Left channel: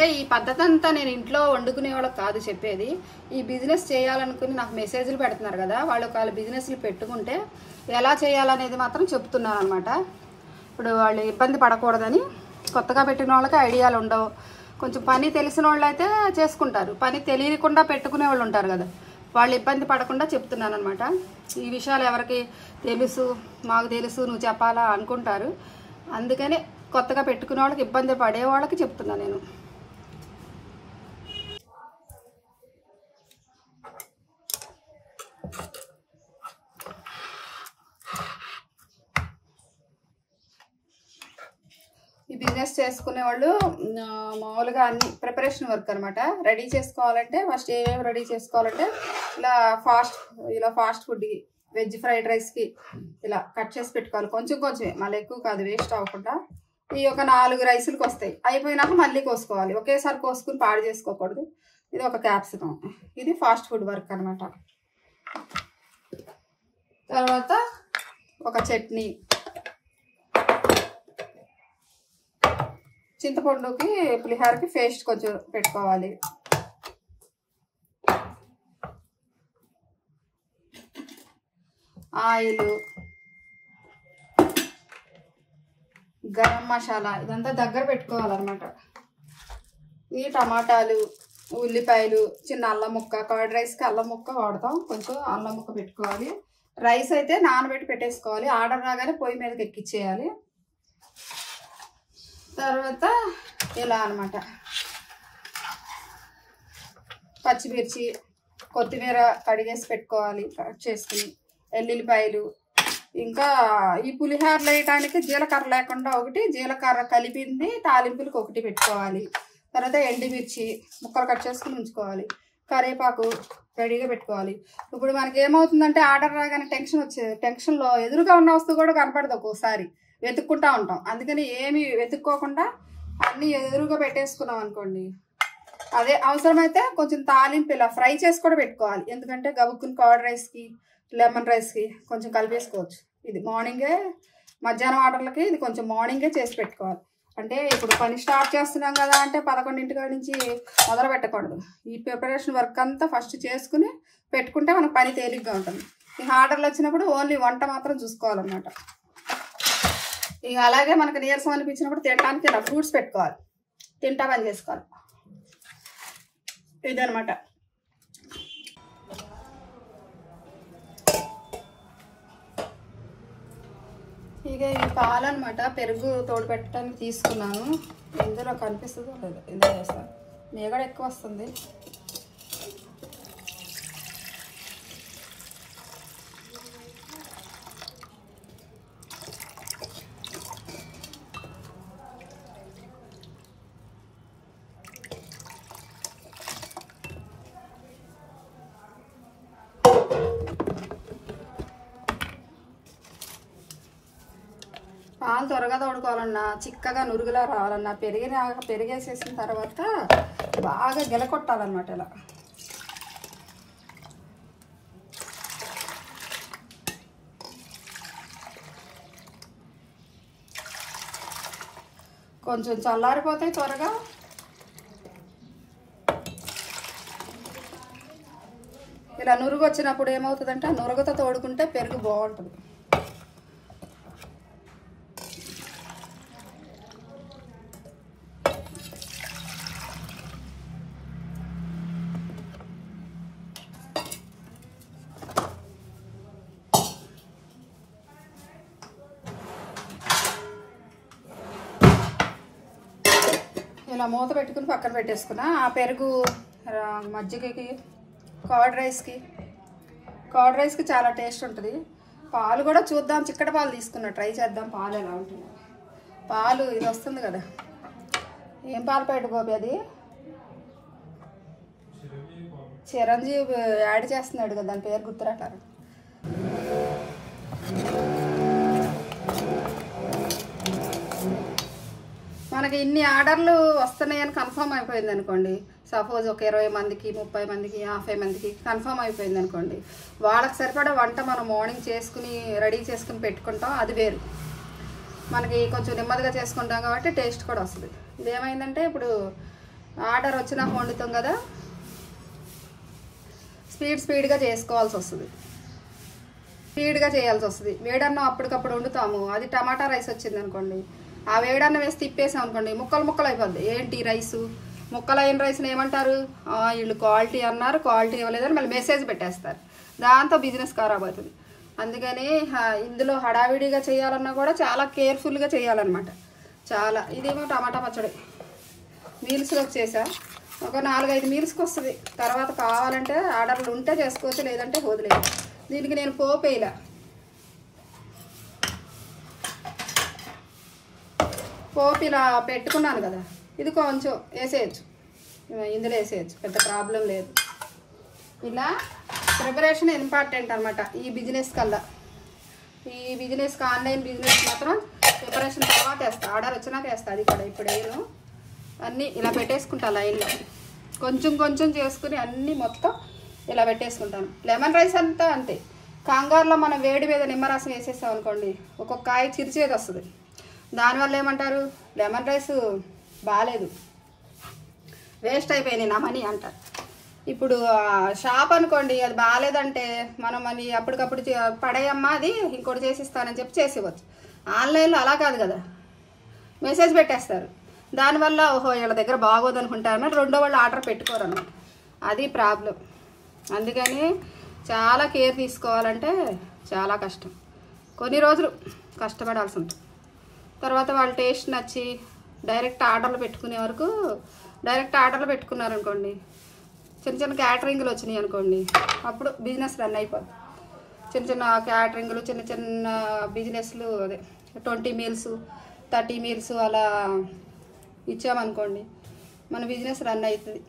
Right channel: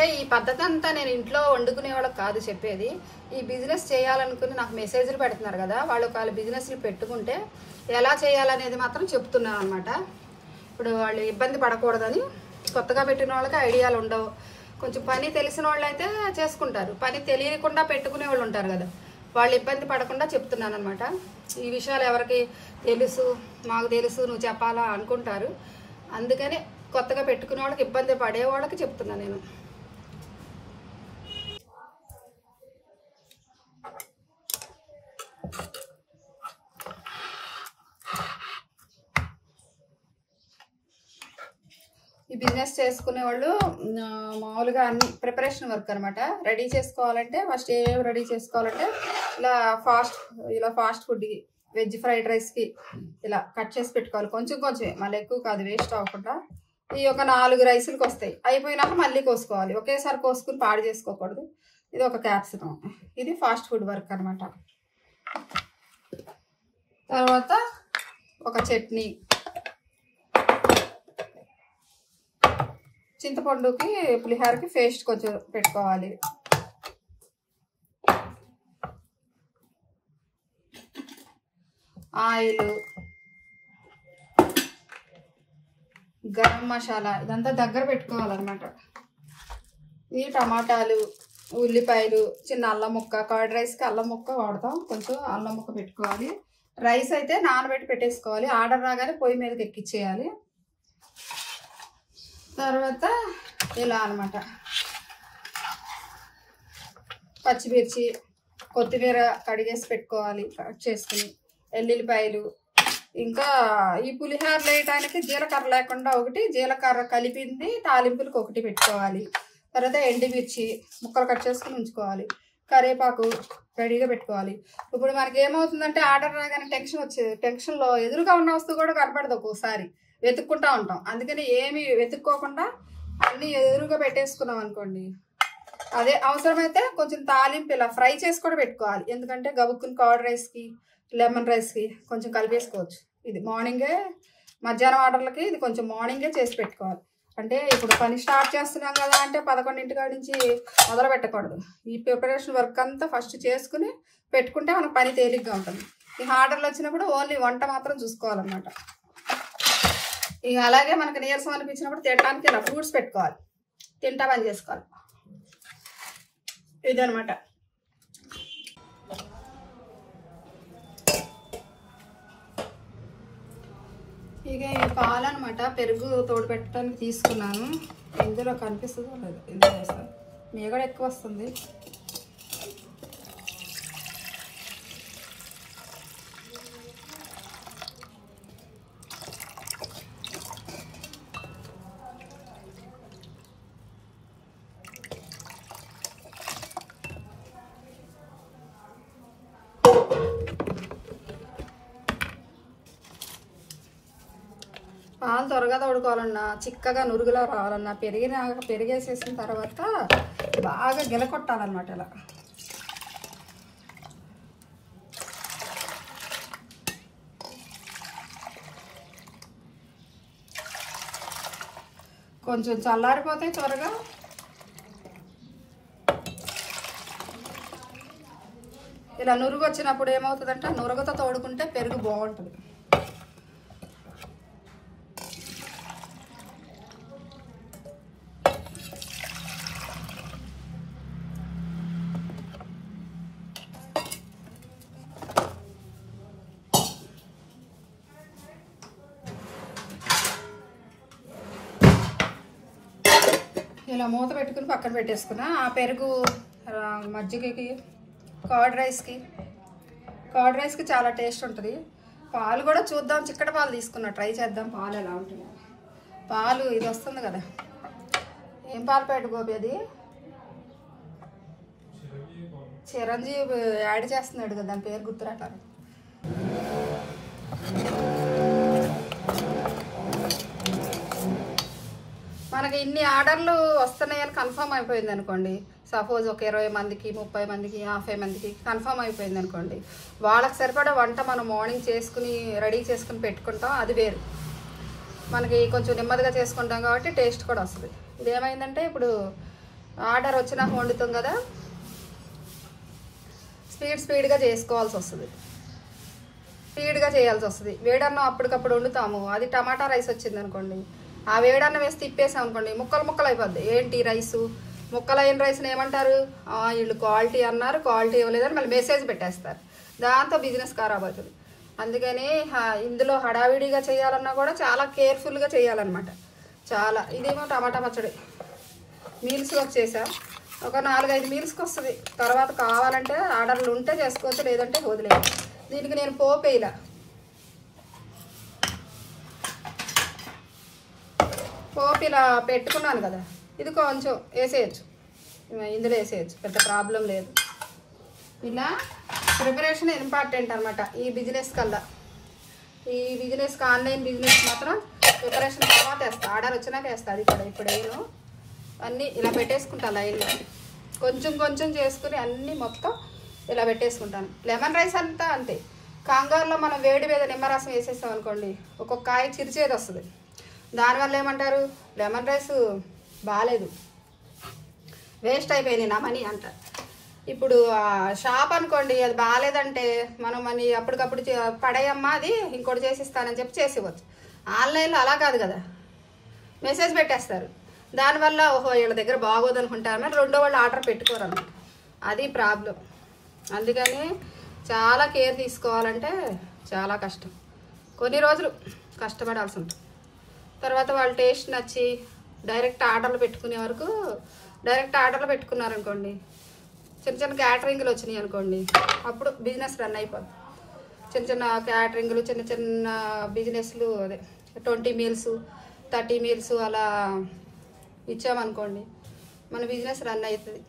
అంటే ఈ పద్ధతి అంతా నేను ఇంట్లో వండుకునే వాళ్ళకి కాదు చెప్పేది. ఈ బిజినెస్ చేయాలనుకుని నాకు మెసేజ్లు పెడుతున్నారు కదా, వాళ్ళ బిజినెస్లు పెట్టుకుంటే ఎలా చేయాలనేది మాత్రం చెప్తున్నాను అనమాట. ఇప్పుడు వాళ్ళు ఇబ్బంది పడకూడదని, కొత్తగా పెట్టిన వాళ్ళకి ఐడియాలు ఉండవు. కొంచెం పని తెలిసిన వాళ్ళు అయితే చేసుకుంటారు, పని తెలియకుండా పెట్టుకునే వాళ్ళు ఉంటారు కదా, వాళ్ళు ఇబ్బంది పడకుండా చెప్తున్నాను అనమాట. ఈ విషయాలు ఎవరికి తెలుసు, మాకు తెలుసు, నువ్వు చెప్పాలా అనుకుంటారు. అందుకని కొత్తగా పెట్టుకునే వాళ్ళకి, ఇబ్బంది పడే వాళ్ళకి చెప్తున్నాను నేను. ఈ బిజినెస్ చేసుకునే వాళ్ళు మామూలుగా అన్ని ప్రిపరేషన్ వర్క్ అనమాట. రెడీ చేసుకోవాలంటే ఫస్ట్ ఏమేమి రెడీ చేసుకోవాలంటే ఇలా ఫాస్ట్ ఫుడ్కి, వెజ్ ఫ్రైడ్ రైస్కి ఇలా కట్ చేసి పెట్టుకోవాలి. కొంచెం కొంచెమే, మళ్ళీ ఎక్కువ కాదు, వేస్ట్ అవ్వకుండా. ఈ ఒక 4 రైసులకి వస్తాయి. అయిపోయినాక మళ్ళీ కోసుకోవాలి, ఒకేసారి కోసుకుని పాడు చేసుకోకూడదు. ఇది ఒక క్యాప్సికం. ఇది ఫాస్ట్ ఫుడ్ వర్క్ అనమాట. తర్వాత ఒక చట్నీ, చింతపండుకి పులిహోరకి పేస్ట్ కొంచెం పెట్టుకోవాలి. ఆయిల్, గరం మసాలా ఇదంతా దగ్గర పెట్టుకోవాలన్నమాట. ఈ టమాటాలు, ఉల్లిపాయలు, చిన్న అల్లం ముక్క, కర్డ్ రైస్కి అల్లం ముక్క వాడతాం, కొంచెం అల్లం ముక్క పెట్టుకోవాలి. రైస్ అయితే నానబెట్టి పెట్టేసుకోవాలి, ఆర్డర్ రాగానే పొయ్యి మీదకి ఎక్కిచ్చేయాలి. తర్వాత ఇలా అనమాట, పచ్చిమిర్చి, కొత్తిమీర కడిగేసి పెట్టుకోవాలి, కట్ చేసుకుని, ఎల్లుల్లిపాయలు. ఇంకా ఈ పులిహోర వేయడానికి జీలకర్ర లేకుండా ఒకటి, జీలకర్ర కలిపింది తాలింపులకు ఒకటి పెట్టుకోవాలి. తర్వాత ఎండుమిర్చి ముక్కలు కట్ చేసుకుని ఉంచుకోవాలి. కరివేపాకు రెడీగా పెట్టుకోవాలి. ఇప్పుడు మనకి ఏమవుతుందంటే ఆర్డర్ రాగానే టెన్షన్లో ఎదురుగా ఉన్న వస్తువు కూడా కనపడదు, ఒక్కోసారి వెతుక్కుంటా ఉంటాం. అందుకని ఏమి వెతుక్కోకుండా అన్నీ ఎదురుగా పెట్టేసుకున్నాం అనుకోండి, అదే అవసరమైతే కొంచెం తాలింపు ఇలా ఫ్రై చేసి కూడా పెట్టుకోవాలి. ఎందుకంటే గబుక్కుని కర్డ్ రైస్కి, లెమన్ రైస్కి కొంచెం కలిపేసుకోవచ్చు. ఇది మార్నింగే, మధ్యాహ్నం ఆర్డర్లకి ఇది కొంచెం మార్నింగే చేసి పెట్టుకోవాలి. అంటే ఇప్పుడు పని స్టార్ట్ చేస్తున్నాం కదా అంటే 11 నుంచి మొదలు పెట్టకూడదు. ఈ ప్రిపరేషన్ వర్క్ అంతా ఫస్ట్ చేసుకుని పెట్టుకుంటే మనకు పని తేలిగ్గా ఉంటుంది. ఈ ఆర్డర్లు వచ్చినప్పుడు ఓన్లీ వంట మాత్రం చూసుకోవాలన్నమాట. ఇక అలాగే మనకు నీరసం అనిపించినప్పుడు తినడానికి ఇలా ఫ్రూట్స్ పెట్టుకోవాలి, తింటా పని చేసుకోవాలి. ఇదనమాట. ఇక ఈ పాలు అనమాట, పెరుగు తోడు పెట్టడానికి తీసుకున్నాను. ఇందులో కనిపిస్తుందో లేదు, ఇందులో వేస్తాను, మీగడ ఎక్కువ వస్తుంది. పాలు త్వరగా తోడుకోవాలన్నా, చిక్కగా నురుగులా రావాలన్నా పెరిగేసేసిన తర్వాత బాగా గిలకొట్టాలన్నమాట. ఇలా కొంచెం చల్లారిపోతాయి త్వరగా. ఇలా నురుగు వచ్చినప్పుడు ఏమవుతుందంటే నురుగుతో తోడుకుంటే పెరుగు బాగుంటుంది. ఇలా మూత పెట్టుకుని పక్కన పెట్టేసుకున్నా. ఆ పెరుగు మజ్జిగకి, కర్డ్ రైస్కి చాలా టేస్ట్ ఉంటుంది. పాలు కూడా చూద్దాం, చిక్కటి పాలు తీసుకున్నా, ట్రై చేద్దాం పాలు ఎలా ఉంటుంది. పాలు ఇది వస్తుంది కదా, ఏం పాలు పెట్టుకోబి, అది చిరంజీవి యాడ్ చేస్తున్నాడు కదా, దాని పేరు గుర్తురాట. మనకి ఇన్ని ఆర్డర్లు వస్తున్నాయని కన్ఫర్మ్ అయిపోయింది అనుకోండి, సపోజ్ ఒక 20 మందికి, 30 మందికి, 50 మందికి కన్ఫర్మ్ అయిపోయింది అనుకోండి, వాళ్ళకి సరిపడా వంట మనం మార్నింగ్ చేసుకుని రెడీ చేసుకుని పెట్టుకుంటాం, అది వేరు. మనకి కొంచెం నెమ్మదిగా చేసుకుంటాం కాబట్టి టేస్ట్ కూడా వస్తుంది. ఇదేమైందంటే ఇప్పుడు ఆర్డర్ వచ్చినాక వండుతాం కదా, స్పీడ్గా చేసుకోవాల్సి వస్తుంది, స్పీడ్గా చేయాల్సి వస్తుంది. వేడన్నం అప్పటికప్పుడు వండుతాము, అది టమాటా రైస్ వచ్చింది అనుకోండి, ఆ వేడన్నం వేసి తిప్పేసాం అనుకోండి ముక్కలు అయిపోద్ది. ఏంటి రైసు ముక్కలైన రైస్ని ఏమంటారు, వీళ్ళు క్వాలిటీ అన్నారు, క్వాలిటీ ఇవ్వలేదని మళ్ళీ మెసేజ్ పెట్టేస్తారు, దాంతో బిజినెస్ ఖరాబ్ అవుతుంది. అందుకని ఇందులో హడావిడిగా చేయాలన్నా కూడా చాలా కేర్ఫుల్గా చేయాలన్నమాట. చాలా ఇదేమో టమాటా పచ్చడి మీల్స్కి వచ్చేసా, ఒక 4-5 మీల్స్కి వస్తుంది. తర్వాత కావాలంటే ఆర్డర్లు ఉంటే చేసుకోవచ్చు, లేదంటే వదిలేదు. దీనికి నేను పోపు ఇలా పోపు ఇలా పెట్టుకున్నాను కదా, ఇది కొంచెం వేసేయచ్చు, ఇందులో వేసేయచ్చు, పెద్ద ప్రాబ్లం లేదు. ఇలా ప్రిపరేషన్ ఇంపార్టెంట్ అనమాట ఈ బిజినెస్ కల్లా. ఈ బిజినెస్కి ఆన్లైన్ బిజినెస్ మాత్రం ప్రిపరేషన్ తర్వాత వేస్తా, ఆర్డర్ వచ్చినాక వేస్తా. అది కూడా ఇప్పుడు నేను అన్నీ ఇలా పెట్టేసుకుంటాను లైన్లో, కొంచెం చేసుకుని అన్నీ మొత్తం ఇలా పెట్టేసుకుంటాను. లెమన్ రైస్ అంతా అంతే, కాంగారులో మనం వేడి మీద నిమ్మరసం వేసేస్తాం అనుకోండి, ఒక్కొక్క కాయ చిరిచేది వస్తుంది. దానివల్ల ఏమంటారు, లెమన్ రైస్ బాగాలేదు, వేస్ట్ అయిపోయింది నా మనీ అంటారు. ఇప్పుడు షాప్ అనుకోండి, అది బాగాలేదంటే మనం మనీ అప్పటికప్పుడు పడేయమ్మా, అది ఇంకోటి చేసిస్తానని చెప్పి చేసేవచ్చు. ఆన్లైన్లో అలా కాదు కదా, మెసేజ్ పెట్టేస్తారు. దానివల్ల ఓహో వీళ్ళ దగ్గర బాగోదు అనుకుంటారని రెండో వాళ్ళు ఆర్డర్ పెట్టుకోరు అన్నమాట, అది ప్రాబ్లం. అందుకని చాలా కేర్ తీసుకోవాలంటే చాలా కష్టం, కొన్ని రోజులు కష్టపడాల్సి ఉంటుంది. తర్వాత వాళ్ళ టేస్ట్ నచ్చి డైరెక్ట్ ఆర్డర్లు పెట్టుకునే వరకు, డైరెక్ట్ ఆర్డర్లు పెట్టుకున్నారనుకోండి, చిన్న క్యాటరింగ్లు వచ్చినాయి అనుకోండి, అప్పుడు బిజినెస్ రన్ అయిపోద్ది. చిన్న క్యాటరింగ్లు, చిన్న బిజినెస్లు, అదే 20 మీల్స్ 30 మీల్స్ అలా ఇచ్చామనుకోండి, మన బిజినెస్ రన్ అవుతుంది.